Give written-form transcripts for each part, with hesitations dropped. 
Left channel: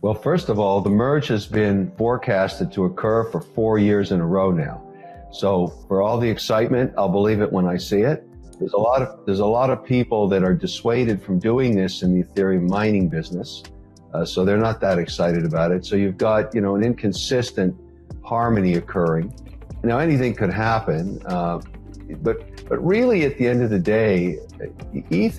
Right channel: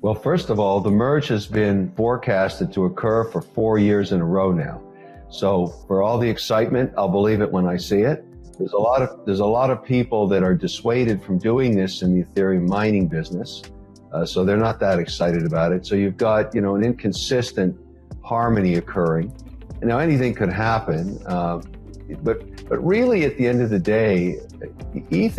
Well, first of all, the merge has been forecasted to occur for 4 years in a row now. So for all the excitement, I'll believe it when I see it. There's a lot of people that are dissuaded from doing this in the Ethereum mining business. So they're not that excited about it. So you've got, an inconsistent harmony occurring. And now anything could happen. But really at the end of the day, ETH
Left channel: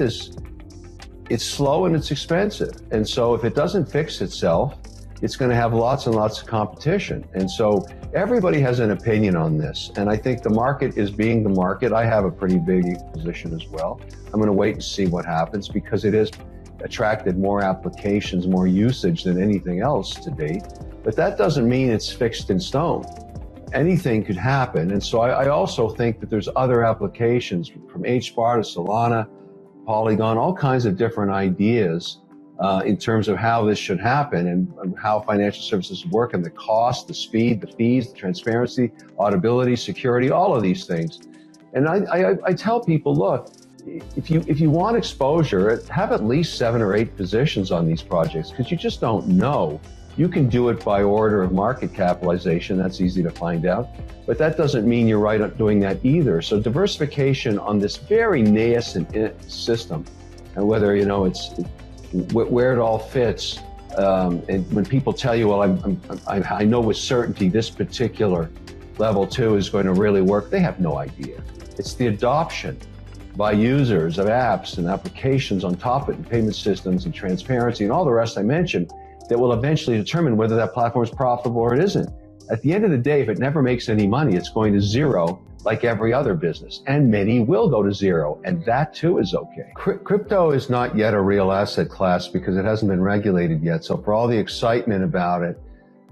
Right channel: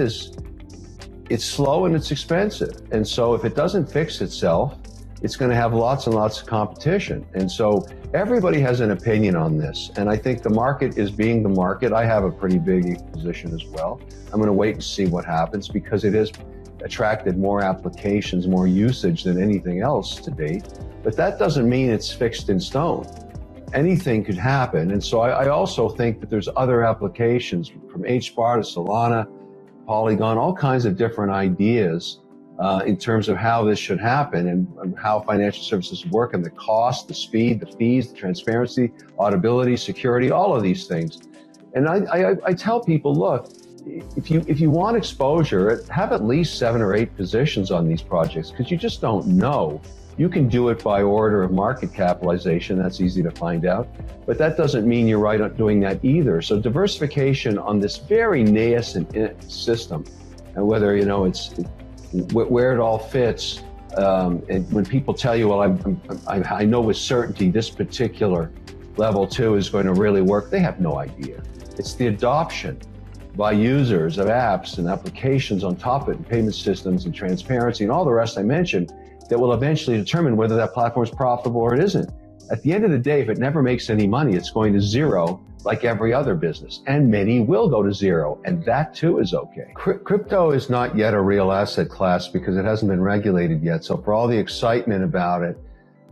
it's slow and it's expensive. And so if it doesn't fix itself, it's going to have lots and lots of competition. And so everybody has an opinion on this. And I think the market is being the market. I have a pretty big position as well. I'm going to wait and see what happens because it has attracted more applications, more usage than anything else to date. But that doesn't mean it's fixed in stone. Anything could happen. And so I also think that there's other applications from HBAR to Solana, Polygon, all kinds of different ideas in terms of how this should happen and how financial services work and the cost, the speed, the fees, the transparency, auditability, security, all of these things. And I tell people, look, if you want exposure, have at least 7 or 8 positions on these projects because you just don't know. You can do it by order of market capitalization. That's easy to find out. But that doesn't mean you're right at doing that either. So diversification on this very nascent system, and whether, it's where it all fits. When people tell you, well, I know with certainty this particular level 2 is going to really work, they have no idea. It's the adoption by users of apps and applications on top of it, and payment systems and transparency and all the rest I mentioned, that will eventually determine whether that platform is profitable or it isn't. At the end of the day, if it never makes any money, it's going to zero like every other business. And many will go to zero, and that too is okay. Crypto is not yet a real asset class because it hasn't been regulated yet. So for all the excitement about it,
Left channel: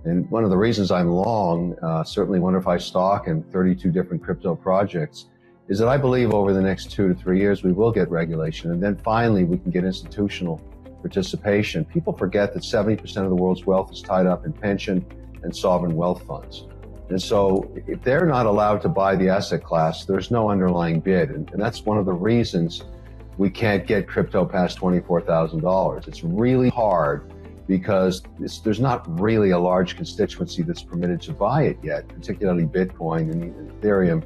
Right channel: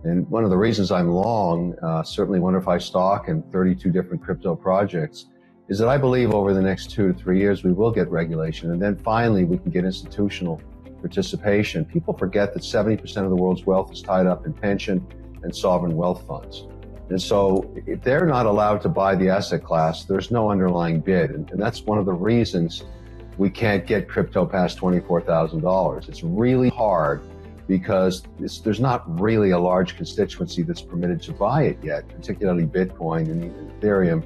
and one of the reasons I'm long, certainly WonderFi stock and 32 different crypto projects, is that I believe over the next 2 to 3 years, we will get regulation. And then finally, we can get institutional participation. People forget that 70% of the world's wealth is tied up in pension and sovereign wealth funds. And so if they're not allowed to buy the asset class, there's no underlying bid. And that's one of the reasons we can't get crypto past $24,000. It's really hard because there's not really a large constituency that's permitted to buy it yet, particularly Bitcoin and even Ethereum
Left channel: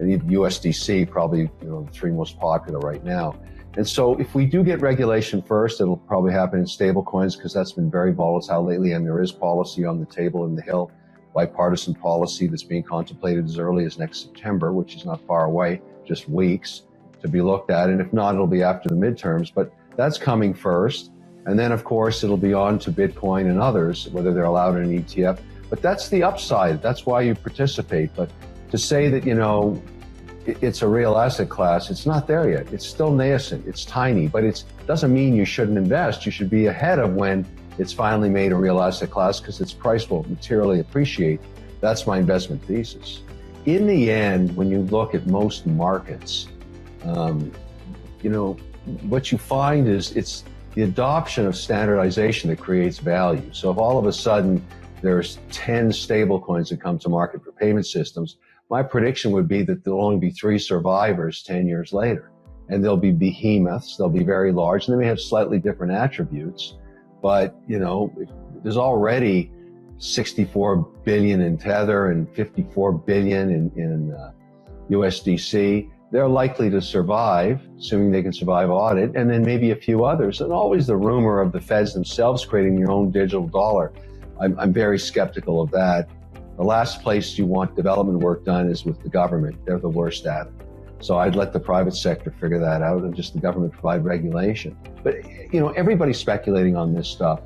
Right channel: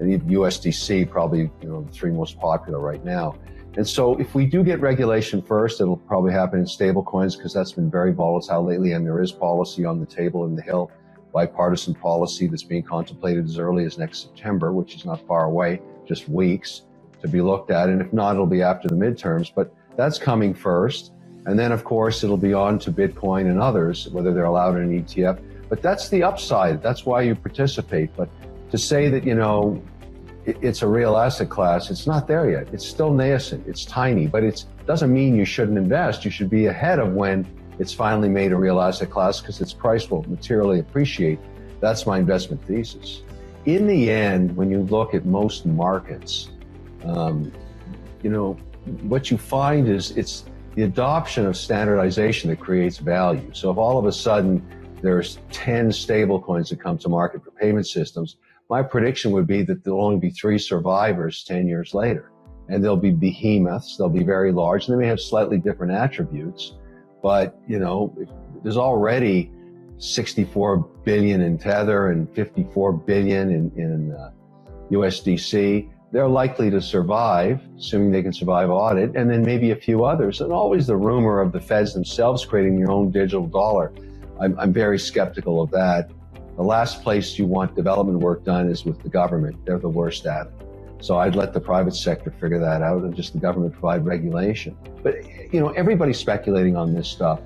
and even USDC, probably the 3 most popular right now. And so if we do get regulation first, it'll probably happen in stable coins because that's been very volatile lately, and there is policy on the table in the Hill, bipartisan policy that's being contemplated as early as next September, which is not far away, just weeks to be looked at. And if not, it'll be after the midterms, but that's coming first. And then of course, it'll be on to Bitcoin and others, whether they're allowed in an ETF, but that's the upside. That's why you participate. But to say that, it's a real asset class, it's not there yet. It's still nascent, it's tiny, but it doesn't mean you shouldn't invest. You should be ahead of when it's finally made a real asset class because its price will materially appreciate. That's my investment thesis. In the end, when you look at most markets, what you find is it's the adoption of standardization that creates value. So if all of a sudden there's 10 stable coins that come to market for payment systems, my prediction would be that there'll only be 3 survivors 10 years later. And they'll be behemoths, they'll be very large, and they may have slightly different attributes. But, there's already 64 billion in Tether and 54 billion in USDC. They're likely to survive, assuming they can survive audit, and then maybe a few others. And always the rumor of the feds themselves creating their own digital dollar. I'm very skeptical of that. The last place you want development work done is with the government. They're the worst at it. So I'd let the private sector figure that out and just the government provide regulation. But, everybody's speculating on this stuff.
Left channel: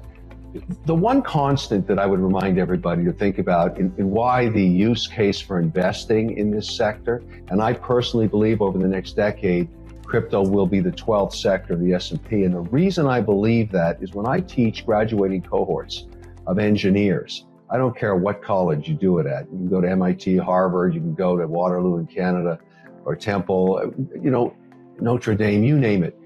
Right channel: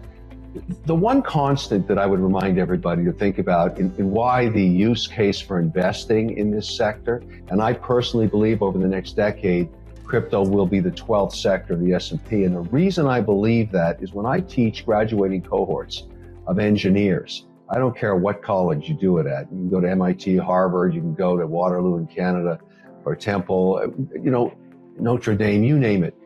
The one constant that I would remind everybody to think about in why the use case for investing in this sector, and I personally believe over the next decade, crypto will be the 12th sector of the S&P. And the reason I believe that is when I teach graduating cohorts of engineers, I don't care what college you do it at. You can go to MIT, Harvard, you can go to Waterloo in Canada, or Temple, Notre Dame, you name it.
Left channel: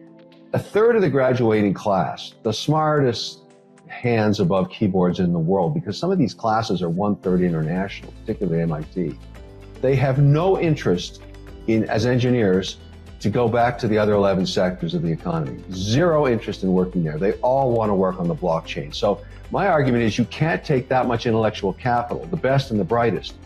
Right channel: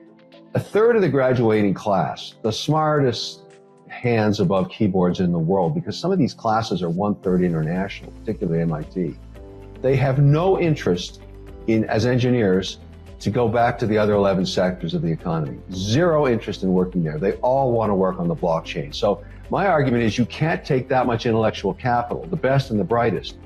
A third of the graduating class, the smartest hands above keyboards in the world, because some of these classes are 1/3 international, particularly MIT. They have no interest in, as engineers, to go back to the other 11 sectors of the economy. Zero interest in working there. They all want to work on the blockchain. So My argument is you can't take that much intellectual capital, the best and the brightest,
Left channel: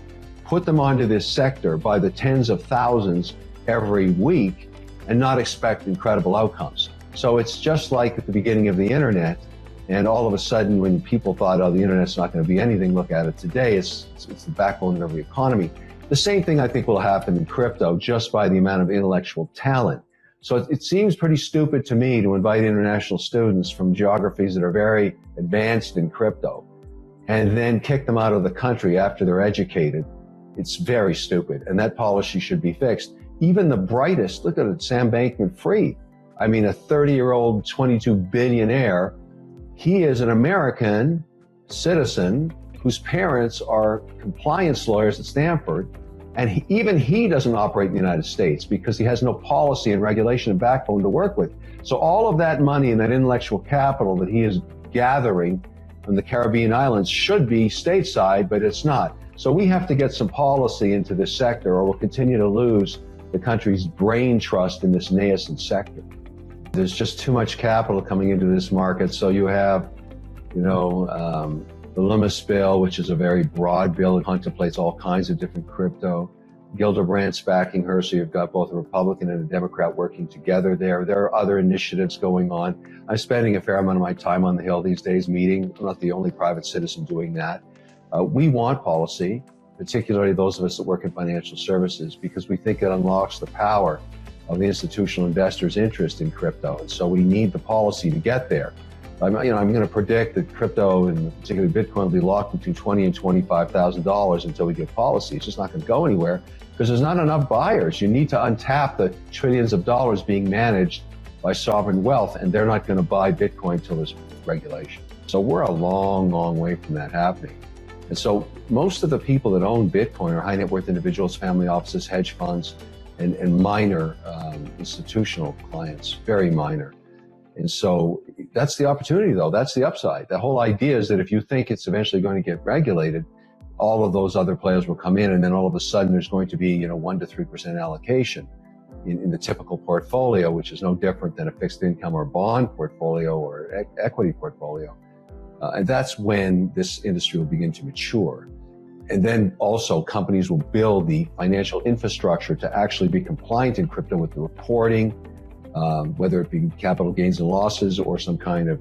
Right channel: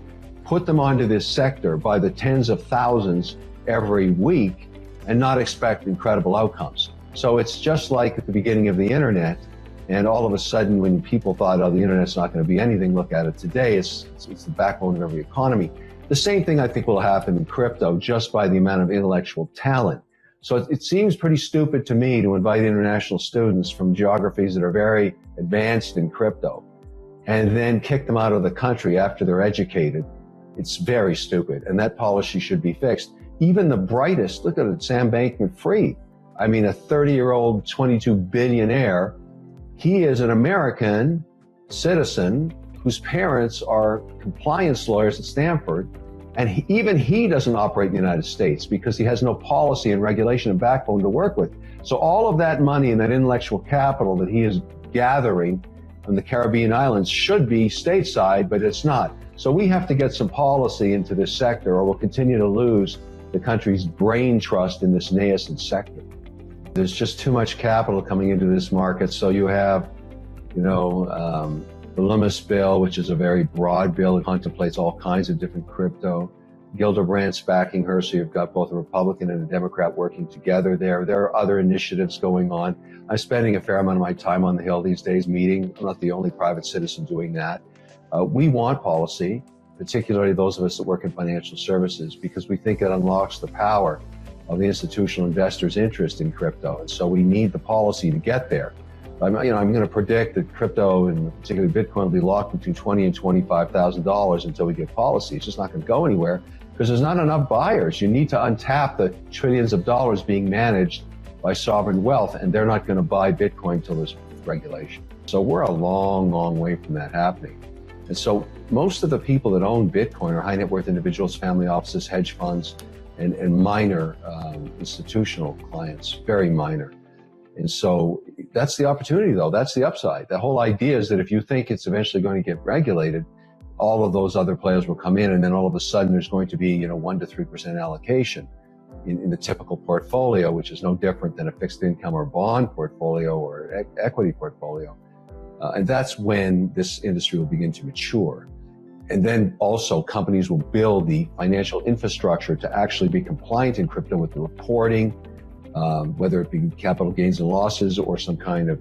put them onto this sector by the tens of thousands every week and not expect incredible outcomes. So it's just like at the beginning of the internet, and all of a sudden when people thought, oh, the internet's not going to be anything, look at it today, it's the backbone of the economy. The same thing I think will happen in crypto just by the amount of intellectual talent. So it seems pretty stupid to me to invite international students from geographies that are very advanced in crypto and then kick them out of the country after they're educated. It's very stupid, and that policy should be fixed. Even the brightest, look at it, Sam Bankman-Fried. I mean, a 30-year-old 22 billionaire, he is an American citizen whose parents are compliance lawyers at Stanford, and even he doesn't operate in the United States because he has no policy and regulation and backbone to work with. So all of that money and that intellectual capital that he is gathering from the Caribbean islands should be stateside, but it's not. So we have to get some policy into this sector, or we'll continue to lose the country's brain trust in this nascent sector. There's just too much capital coming into this market. So you have, the Loomis bill, which is a very broad bill. It contemplates all kinds of different crypto. Gildebrandt's backing her, so you've got both a Republican and a Democrat working together there. There are other initiatives going on. I'm spending a fair amount of my time on the Hill these days meeting. I'm not the only private citizen doing that. We want policy, particularly those of us that work in financial services, because we think it unlocks the power of the institutional investors' interest in crypto. And so we need the policy to get there. I'm going to predict that crypto, and particularly Bitcoin, will be locked between $20,000 and $25,000 until we get policy. It's just not going to go anywhere because there's not enough buyers. You need to untap the trillions of dollars being managed by sovereign wealth, and they're not going to buy Bitcoin until there's regulation. So we're a long, long way from that happening. And so most of the people that own Bitcoin are high net worth individuals, family offices, hedge funds, and minor institutional clients, very minor. And so that's the opportunity, though. That's the upside. The whole idea is that if you think it's eventually going to get regulated, all of those other players will come in, and then all of a sudden there's going to be 1 to 3% allocation in the typical portfolio, which is no different than a fixed income or bond portfolio or equity portfolio. And that's when this industry will begin to mature. And then also companies will build the financial infrastructure to actually be compliant in crypto with the reporting, whether it be capital gains and losses or some kind of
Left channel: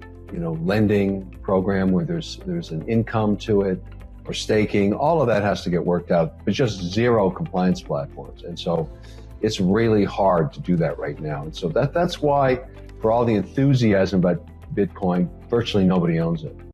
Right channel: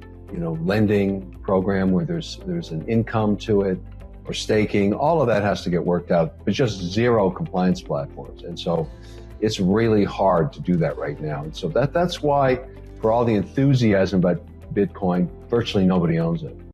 lending program where there's an income to it, or staking. All of that has to get worked out, but just zero compliance platforms. And so it's really hard to do that right now. And so that's why, for all the enthusiasm about Bitcoin, virtually nobody owns it.